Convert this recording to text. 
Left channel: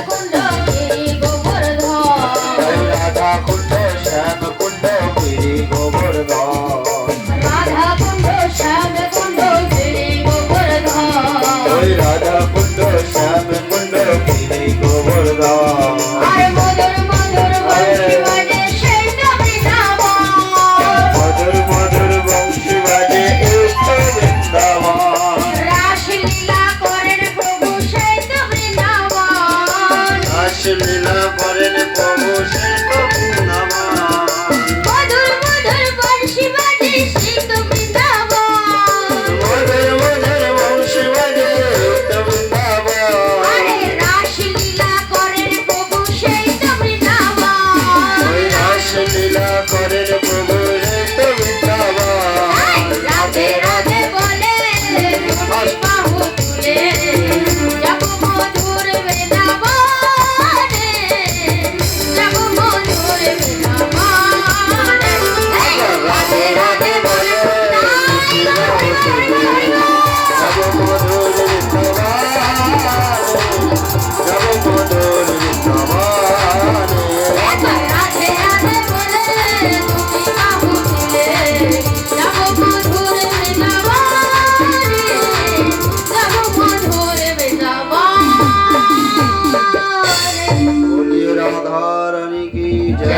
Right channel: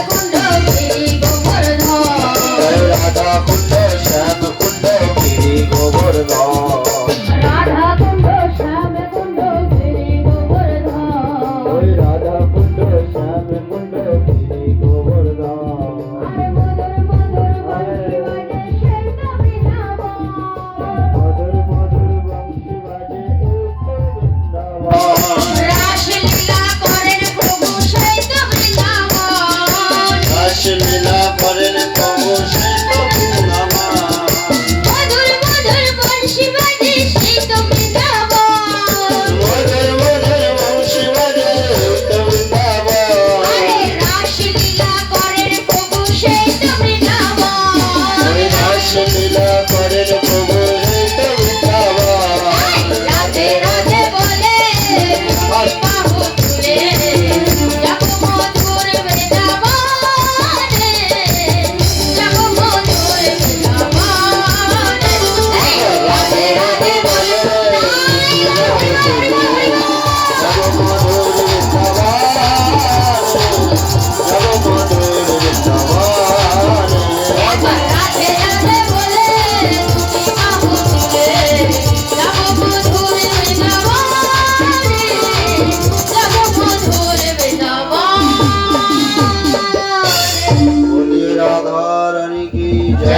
లేకుండా